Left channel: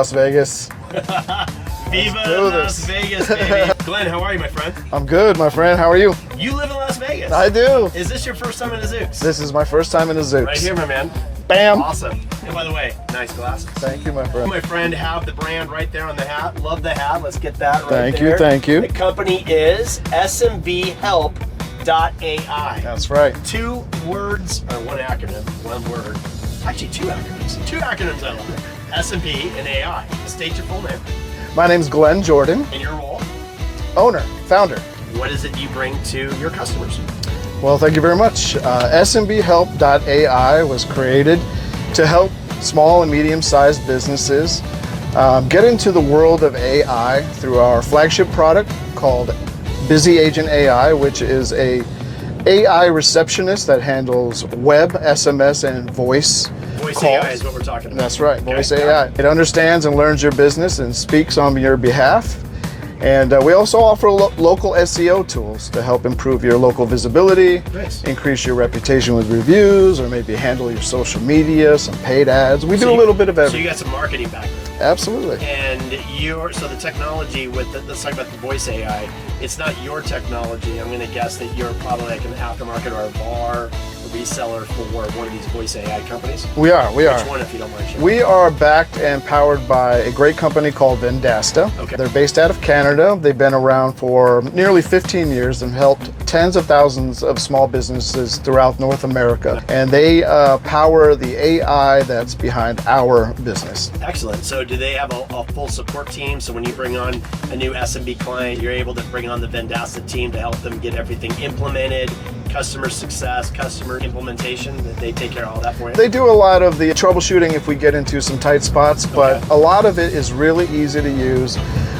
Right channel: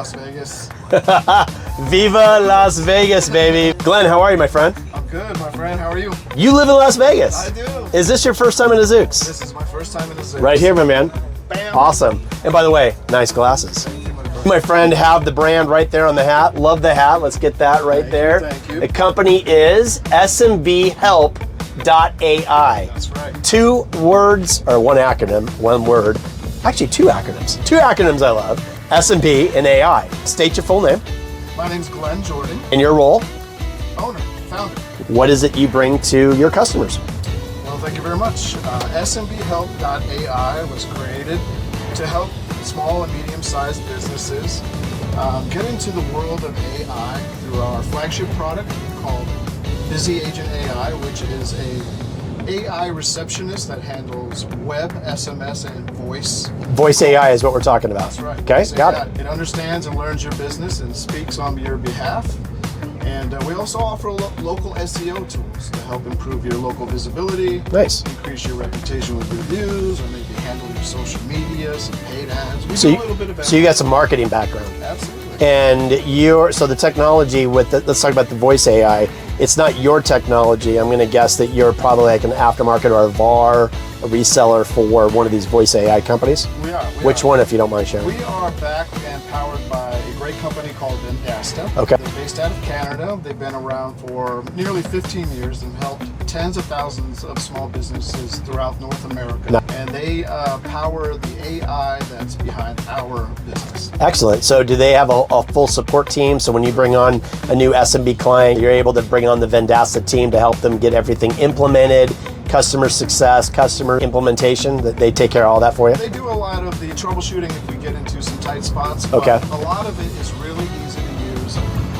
Las Vegas. Viva Las Vegas, baby. Glenn, how are you, my friend? I'm good, my friend. How are you? You live in Las Vegas. I do. Is this your first time in a Zooks? This is my first time in a Zooks. Right here, my man. Bam. Awesome. And by the way, nice glasses. Thank you, my friend. My friend, have the brand right there on the hat. Love the hat. Let's get that right there. Thank you. The company is SMBhelp.AI. That's right. 2 words, or one acronym, one word. Actually, 2 acronyms. 2 acronyms I love. SMB and AI. State your full name. My name's Glenn Jordan. And your role? Owner, founder. What is it you bring to your customers? Well, thank you very much. SMBhelp.AI was created to help small and medium-sized businesses get into the world of AI through our flagship product called Busy Agent AI, which is a AI receptionist that handles web, SMS, and voice. Voice calls. AI is what we're talking about. That's right. Okay. Voice AI. It understands and learns your business and speaks on your behalf. And we also offer local SEO tools to help improve your local visibility, Nice. increase your reputation with reviews, or maybe handle your social media, some paid ads. We do a little bit of everything. So you got some marketing background. Absolutely. And so the technology with let's talk about the voice AI. It's not your technology. I'm going to guess that you're probably like an aftermarket or a VAR, a reseller for one of these voice AI companies. We are. Which one, if you don't mind sharing? We are backed and powered by a great company called Vendasta. Okay. They're based out of Canada. They've been around for nearly 15 years and helped tens of thousands of small businesses throughout North America. And they power the AI that's behind our business. Excellent. So do they have a full support team? So when you bring on a new SMB client, you're able to bring on the Vendasta team to help them get everything implemented, customer success, customer implementation, that they take care of all that for you? They do a lot of the troubleshooting if we get into some tight spots, but a lot of it is really easy to use.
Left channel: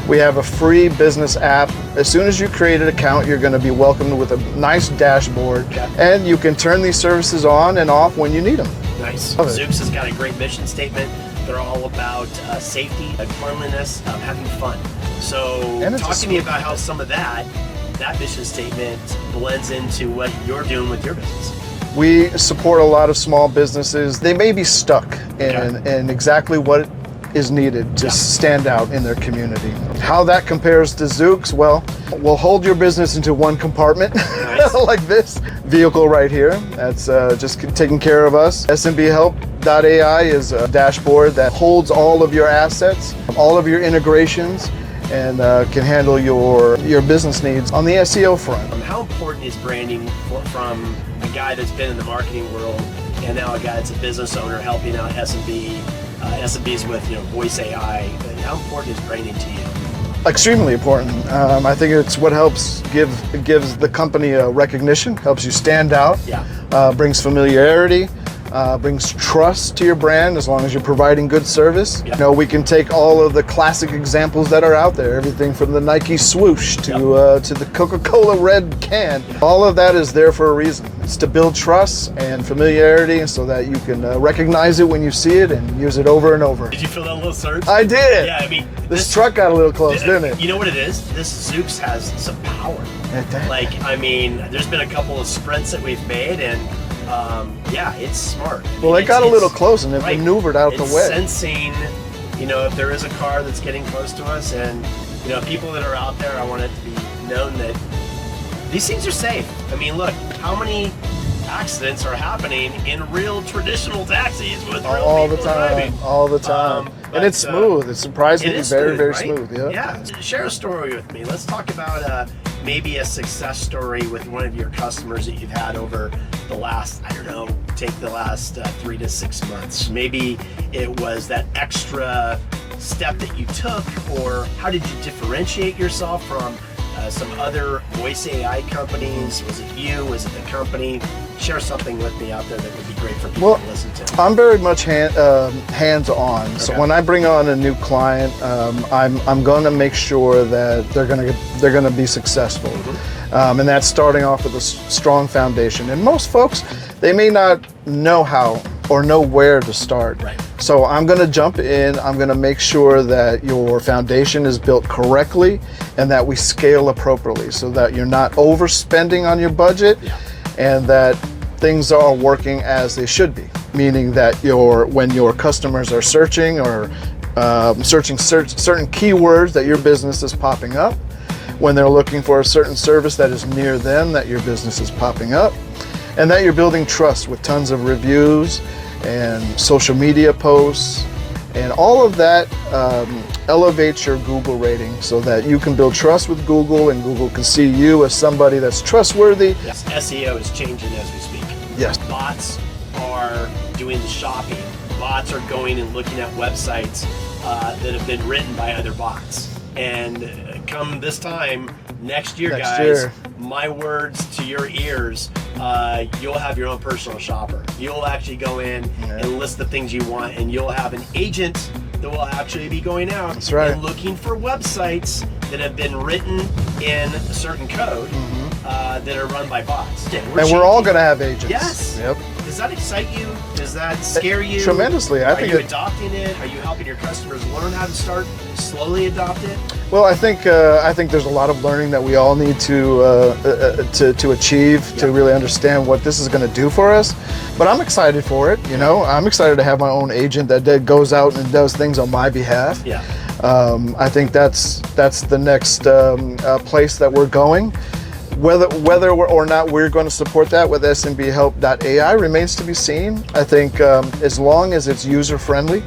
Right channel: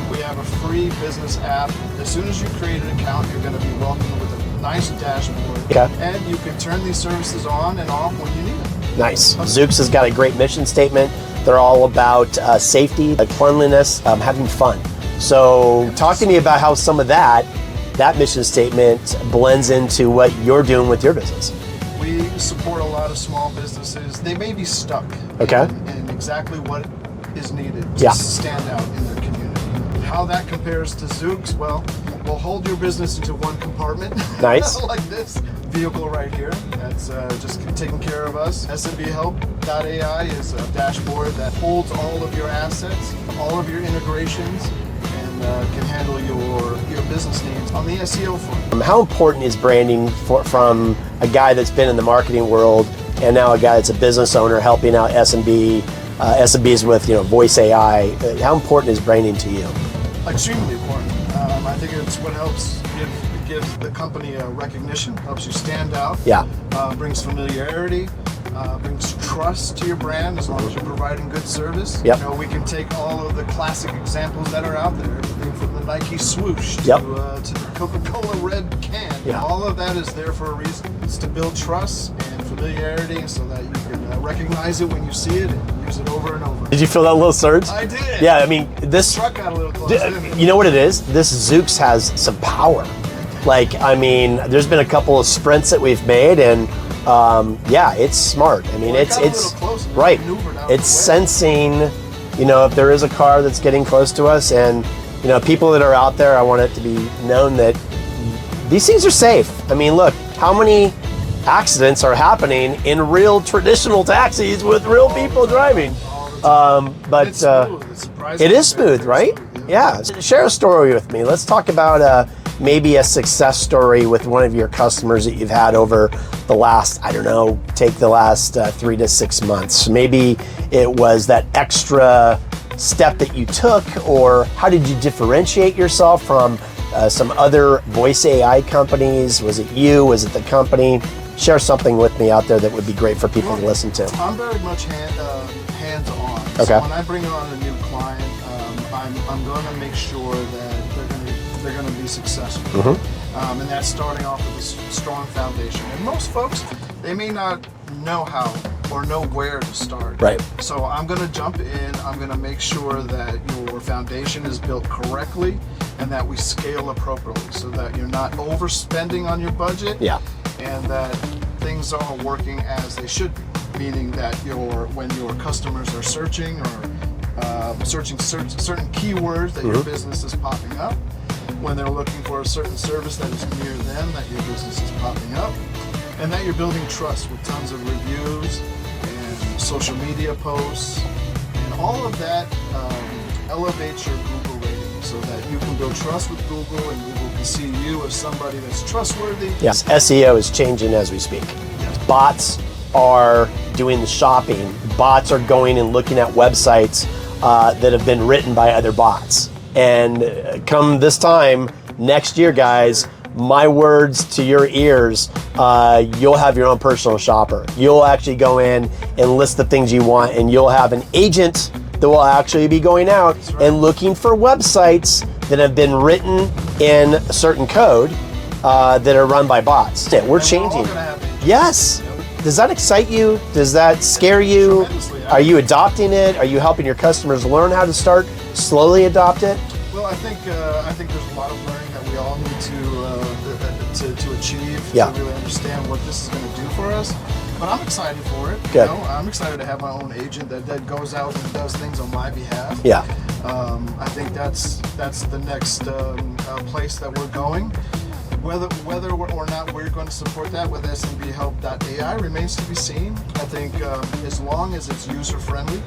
We have a free business app. As soon as you create an account, you're going to be welcomed with a nice dashboard, and you can turn these services on and off when you need them. Nice. Zooks has got a great mission statement. They're all about safety, cleanliness, having fun. So talk to me about how some of that mission statement blends into what you're doing with your business. We support a lot of small businesses. They may be stuck in exactly what is needed to stand out in their community. How that compares to Zooks, well, we'll hold your business into one compartment. Nice. Like this vehicle right here. That's just taking care of us. SMBhelp.AI is a dashboard that holds all of your assets, all of your integrations, and can handle your business needs on the SEO front. How important is branding from a guy that's been in the marketing world and now a guy that's a business owner helping out SMBs with voice AI? How important is branding to you? Extremely important. I think it's what helps gives the company a recognition, helps you stand out, brings familiarity, brings trust to your brand as long as you're providing good service. Yep. We can take all of the classic examples that are out there, everything from the Nike swoosh to the Coca-Cola red can. All of that is there for a reason. It's to build trust and familiarity so that you can recognize it when you see it and use it over and over. Did you feel that little surge? I did. Yeah, I mean, this truck got a little close, didn't it? You know what it is? This Zooks has some power. Like, I mean, there's been a couple of sprints that we've made, and it's smart. I mean, it got a little close and it maneuvered out of the way. It's sensing, if there is a car that's getting close to us, and people that are out there, I want it to be known that these things are safe. I mean, look, how many accidents are happening in real traditional taxis with real people driving? All the time. But and it's smooth. It's surprisingly It is smooth, very right? Smooth, yeah. Share a story with me. Let's talk about maybe a success story with one of your customers that you've had over the last, take the last 3 to 6 months. Maybe it was that extra step that you took, or how did you differentiate yourself from some other voice AI companies? Was it you? Was it the company? Share something with me out there that would be great for people to listen to. I'm very much hands-on. Okay. So when I bring on a new client, I'm going to make sure that they're going to be successful, and that's starting off with a strong foundation. And most folks, they may not know how or know where to start. Right. So I'm going to jump in. I'm going to make sure that your foundation is built correctly and that we scale appropriately, so that you're not overspending on your budget. Yeah. And that things are working as they should be, meaning that when your customers are searching or searching certain keywords that your business is popping up, when they're looking for a certain service that is near them that your business is popping up, and that you're building trust with tons of reviews and social media posts, and all of that elevates your Google rating so that you can build trust with Google and Google can see you as somebody that's trustworthy. Yes, SEO is changing as we speak. Yes. Bots are doing the shopping. Bots are going and looking at websites that have been written by other bots. And come this time next year, guys, my words to your ears, you'll have your own personal shopper. You'll actually go in and list the things you want, and you'll have an agent that will actually be going out and looking for websites that have been written in a certain code that are run by bots. We're all going to have agents. Yes. Yep. Does that excite you? Does that scare you? Tremendously. Are you adopting it? Are you helping your customers learn how to start slowly adopt it? Well, I think there's a lot of learning that we all need to achieve to really understand what this is going to do for us. But I'm excited for it. You know, I'm excited to have my own agent that goes out and does things on my behalf. Yeah. I think that's the next place that we're going. Whether or not we're going to support that with SMBhelp.AI remains to be seen. I think as long as it's user-friendly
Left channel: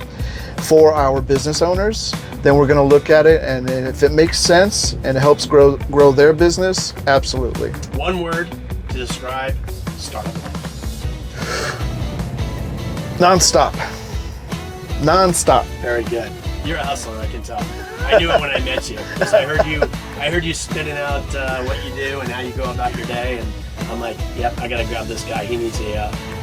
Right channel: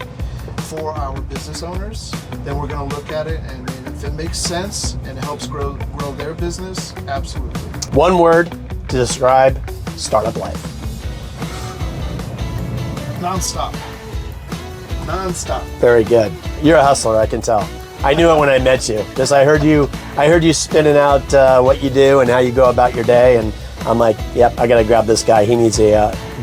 for our business owners, then we're going to look at it, and if it makes sense and it helps grow their business, absolutely. One word to describe startup life. Non-stop. Non-stop. Very good. You're a hustler, I can tell. I knew it when I met you. Because I heard you spinning out what you do and how you go about your day, and I'm like, yep, I got to grab this guy. He needs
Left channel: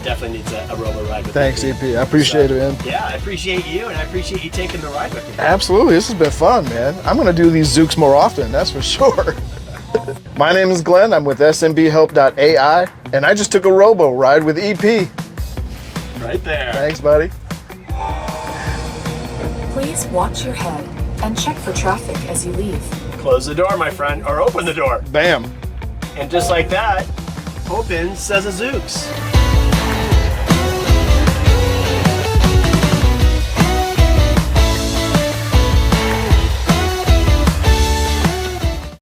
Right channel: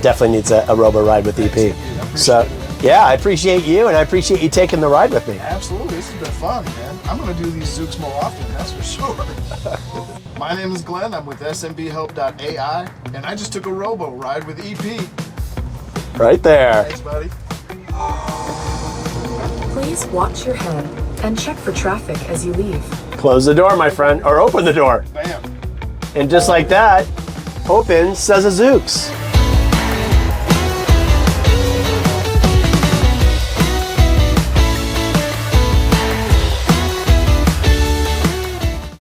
definitely needs a Robo Ride with Thanks, EP. EP. I appreciate it, man. Yeah, I appreciate you, and I appreciate you taking the ride with me. Absolutely. This has been fun, man. I'm going to do these Zooks more often, that's for sure. My name is Glenn. I'm with SMBhelp.AI, and I just took a Robo Ride with EP. Right there. Thanks, buddy. Please watch your head and check for traffic as you leave. Close the door, my friend, or open the door. Bam. And just like that, open says a Zooks.